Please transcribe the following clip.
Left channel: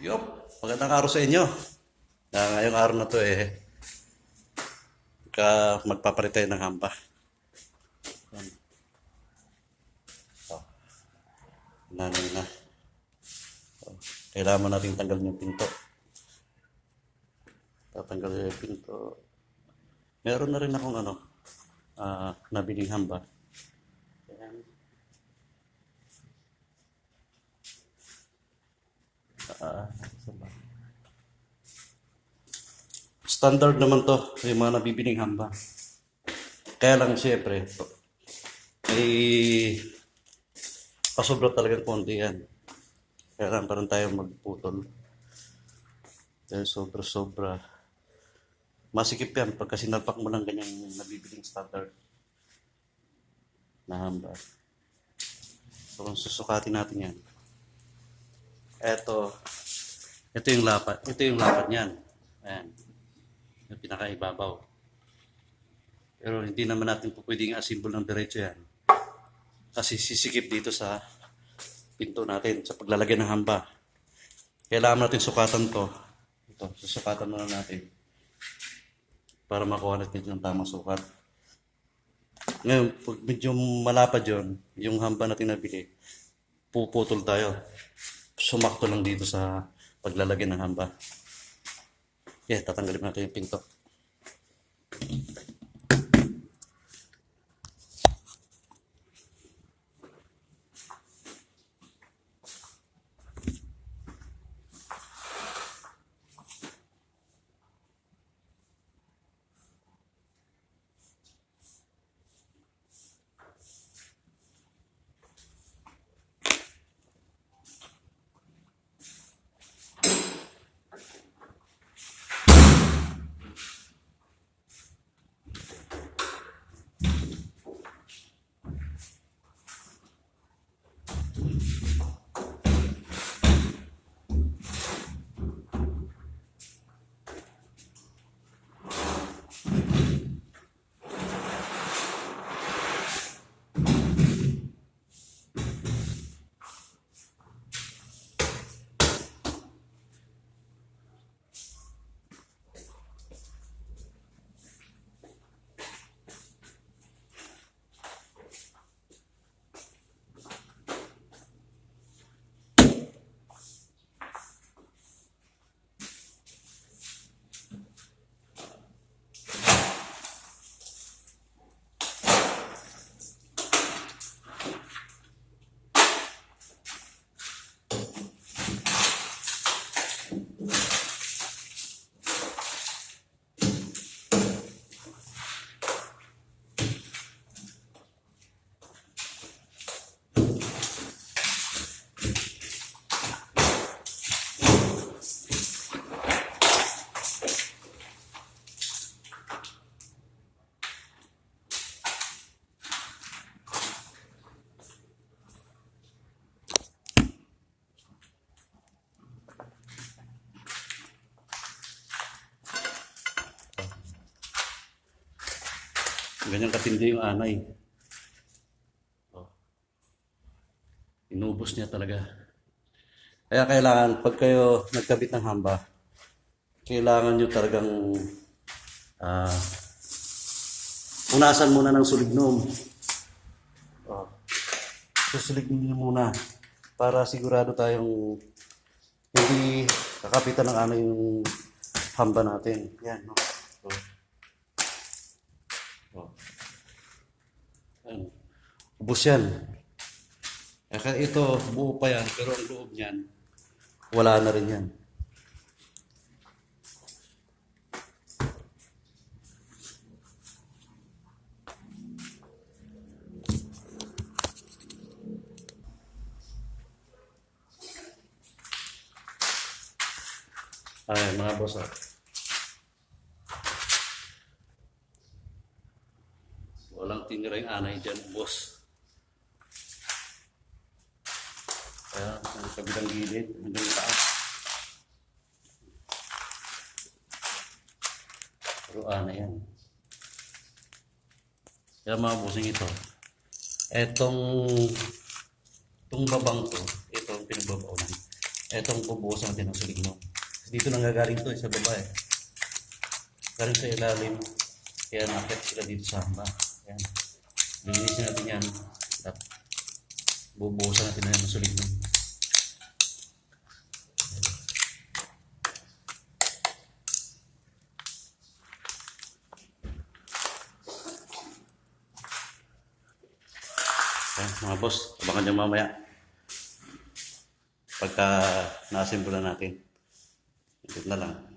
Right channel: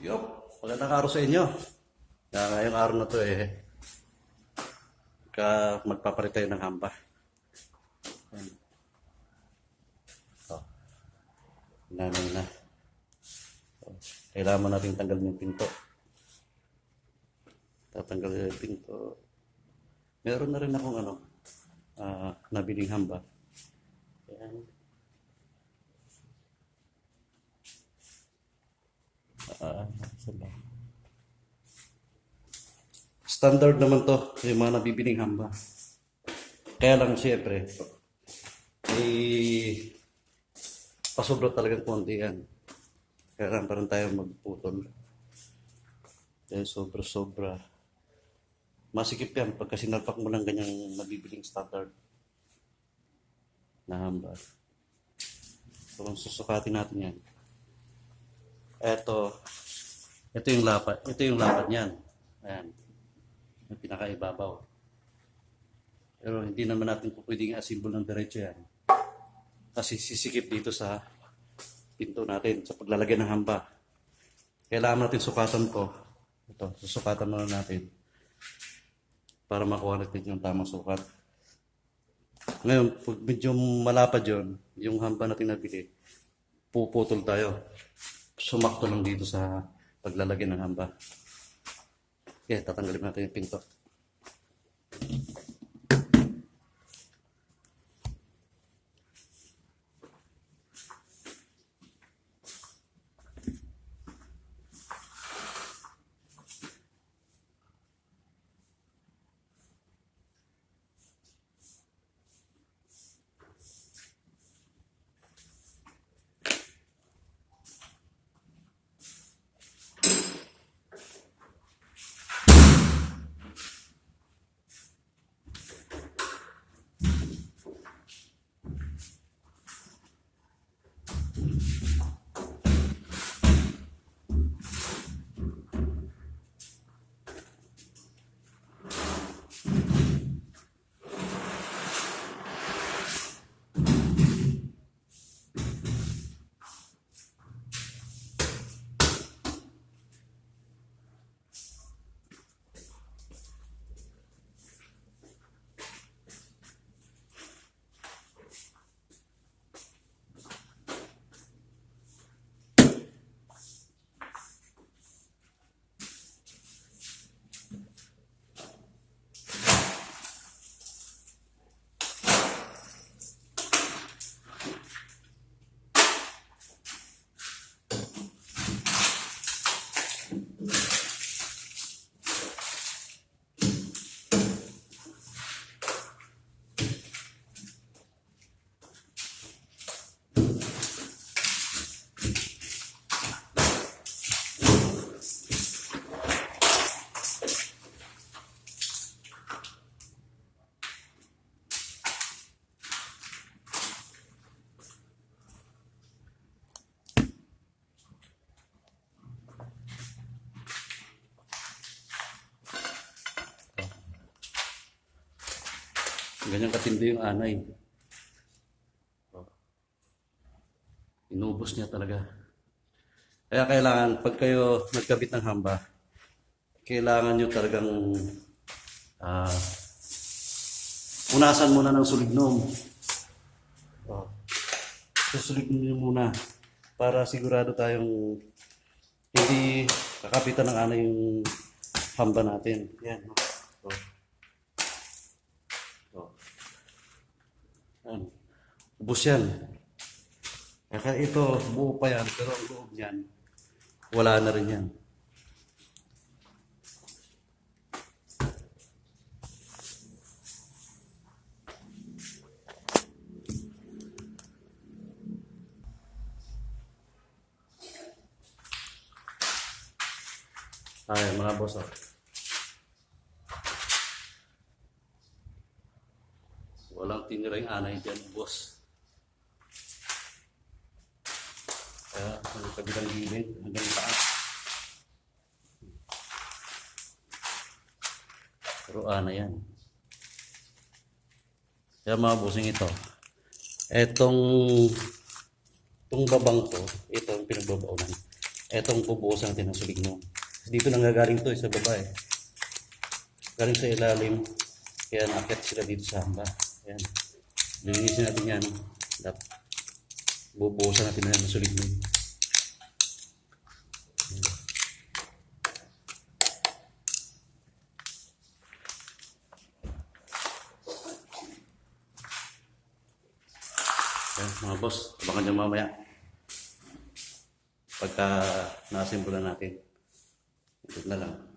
Yup, magandang araw sa inyo. Ngayong araw na to magpapalit tayo ng hamba. Yan. So, nanay na. So, kailangan natin tanggalin yung pinto. Tatanggalin yung pinto. Meron na rin akong nabiling hamba. Yan. Standard naman to, yung mga nabibiling hamba. Kaya lang siyempre, pasobra talagang konti yan. Kaya lang parang tayo magputol. Kaya sobra-sobra. Masikip yan pagka sinalpak mo lang ganyang nabibiling standard na hamba. So kung susukatin natin yan. Ito yung lapat. Ito yung lapat niyan. Ayan. Yung pinakaibabaw. Pero hindi naman natin po pwedeng asimbol ng diretso yan. Kasi sisikip dito sa pinto natin, sa paglalagay ng hamba. Kailangan natin sukatan to. Ito, susukatan muna natin. Para makuha natin yung tamang sukat. Ngayon, pag medyo malapad yun, yung hamba natin nabili, puputol tayo. Sumakto lang dito sa paglalagay ng hamba. Okay, tatanggalin natin yung pinto. Ganyan katindi yung anay. Inubos niya talaga. Kaya kailangan, pag kayo nagkabit ng hamba, kailangan nyo talagang punasan muna ng sulignom. Susulignom nyo muna para sigurado tayong hindi kakapitan ng anay yung hamba natin. Yan, no? Ubus yan. Kaya ito, buo pa yan, pero ang loob niyan, wala na rin yan. Ay, mga boss, walang tinira yung anay dyan, boss. Kaya, sa kabilang gilid, hanggang taas. Pero anay yan. Kaya mga bossing ito, itong babang to, ito ang pinagbabaunan. Etong bubuhusan natin ng sulignong. Dito lang gagaling to sa baba eh. Galing sa ilalim. Kaya nakakit sila dito sa hamba. Ayan. Linisin natin yan. Bubuhusan natin yan ng sulignong. Ayan, mga boss, abangan nyo mamaya pagka na-assemble na natin. Ito na lang.